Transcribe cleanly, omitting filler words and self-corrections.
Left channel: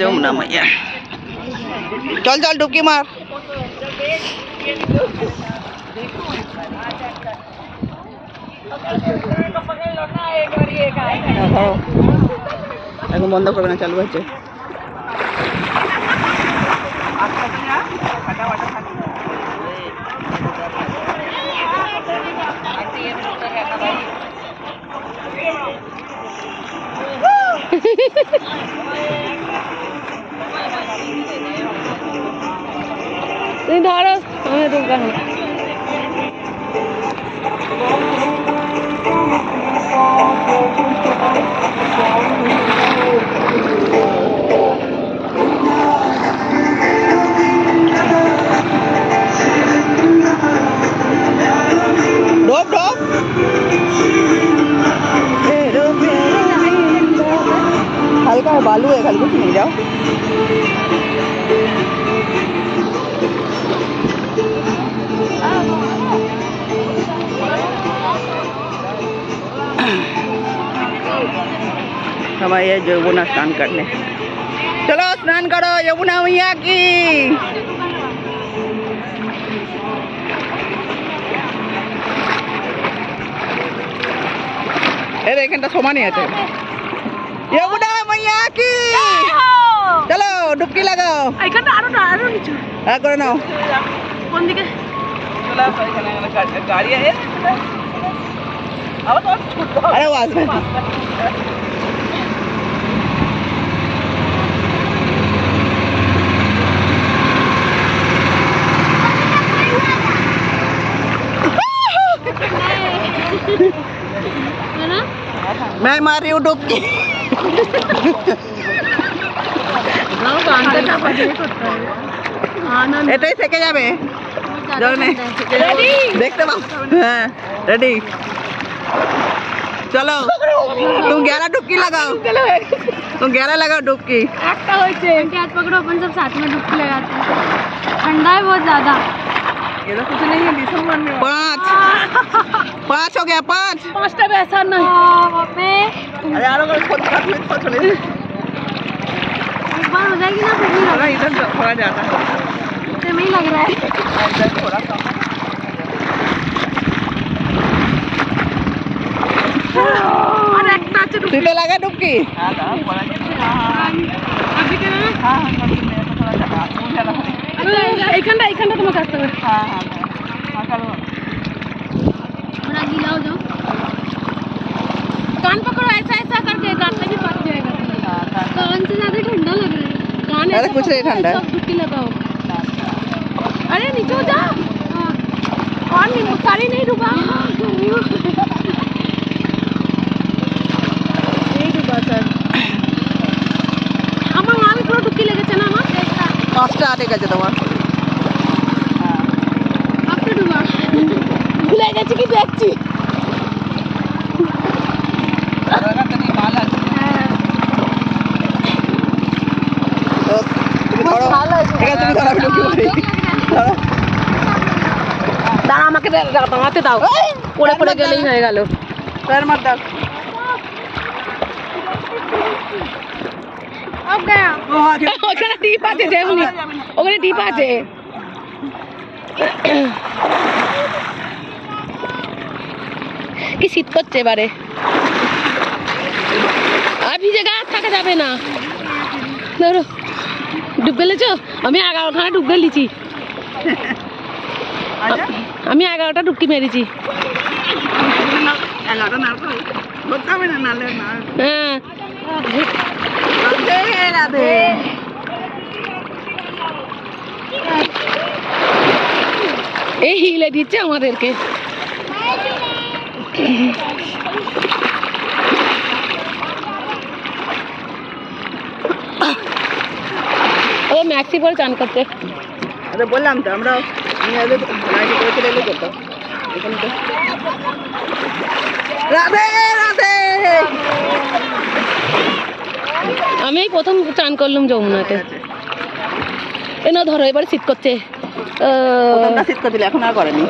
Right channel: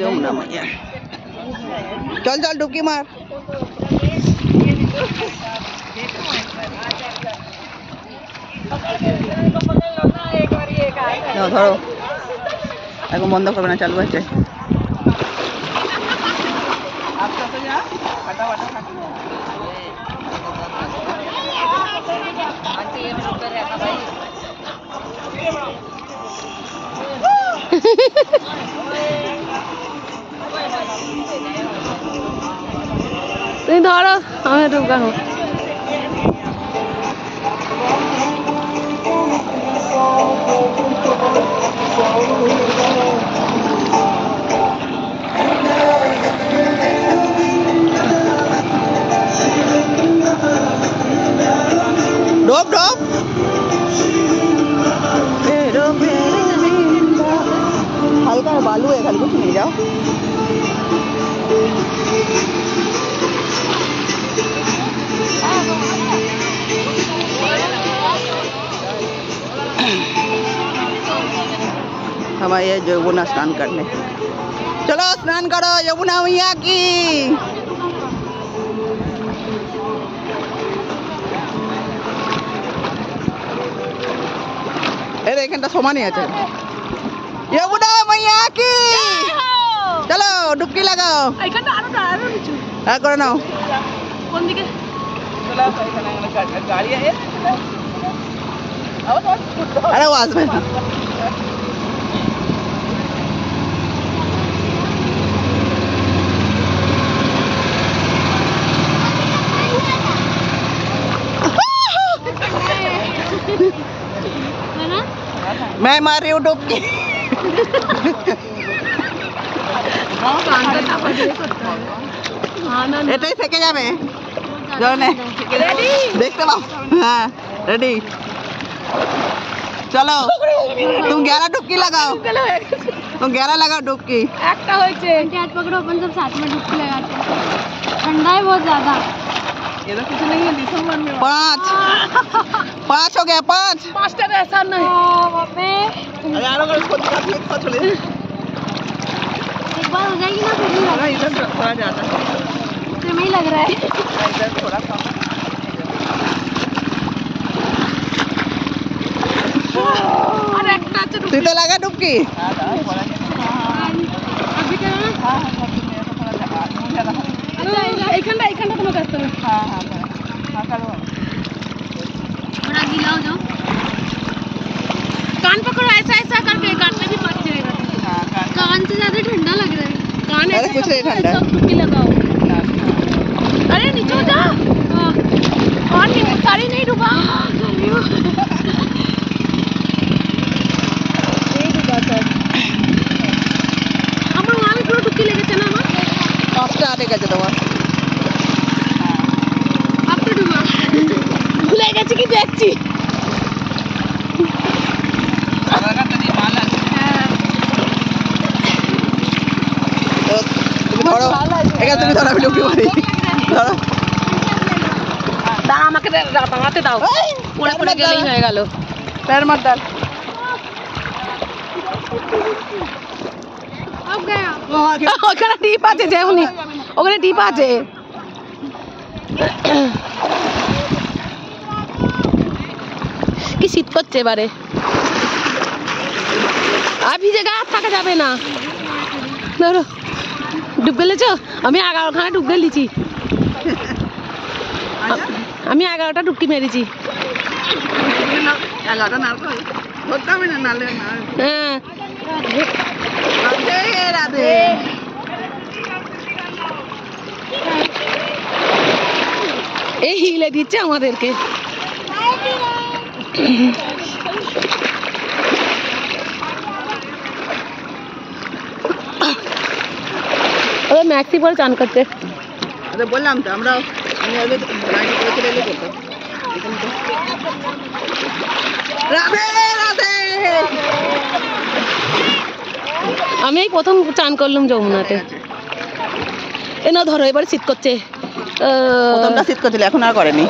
যমুনা মাইয়া চল চল ডুবকি মার ধরো এখন বন্ধ করবে না, চালু হয়েছে। তুমি ধরো, আমি ঢুকানো। डोब डोब हल्का बालू है, हल्का नहीं जाओ। हम आए यमुना स्नान करने। चलो स्नान करो यमुना मैया की। এখানটা সমানই আছে। যমুনা মাইয়া কি, চলো ডুবকি লাগাও। এখানটা আরো নিচু। হ্যাঁ করে নাও। কোন দিকে? আরে ও আসবে না। मैं मार रही हूँ डुबकी। এটাই থেকে যাবে জলে দেখতে পাও। হ্যাঁ রেডি, চলো तुम 11 डुबकी लगाओ, तुम 11 लगाओ डुबकी। একটা হয়েছে, हाथ पकड़ो, अपन सब साथ में डुबकी लगाते हैं। ठंडा है बहुत ज्यादा। ये तो कुछ नहीं है, दिसंबर में 5 हो गया। 5 का ऐसा नहीं। अरे यार अगर खोल छोड़े एक बार हो जाएगी ना फिर नहीं होगा, इधर थोड़ा ज्यादा फिर नहीं लग रहा है। इधर थोड़ा कम और एक नाच तू तो लगा डुबकी। এখানটা তোমার কাছে হবে। थोड़ा गीला हो जाओ, कान पकड़ो ऐसा ऐसा करके, कान में भी फंस जाएगा। कान से ज्यादा ठंडा लग रहा है। कान अरे कुछ नहीं ठंडा है। डुबकी लगाओ। अरे नीचे हो जा, और सारी नहीं डूबा। नहीं डूबा सर। আমার গানে পুরো ডুবকি লেগেছে না আমার। 5টা আটে গেছে তোমার। আপনি ডুবা ভুলে গেছি কি দেখছি। আমাকে দাঁড়াতে দাও, পড়ে পড়ে গেলেই হয়ে গেল। ওখানে টিপ আছে, যেমন ওখানে টিপ আছে। কি শীত করছে এবারে, আর ভিজে গা থাকা যাবে না। ধরো ডুব গেলেছ, আমি 11খানা ডুব গেলিছি। আমি 11টা ডুবকি মেরেছি। হ্যাঁ এই হিলে দিচ্ছে আমাদেরকে। मैक्सी पर चान करते। अरे बोललाम तो আমরা রাধে রাধে। আমি এই প্রথম চান করলাম যমুনাতে। এ না ধরো এবার শীত করছে। শীত করছিল, এখন আর করেনি।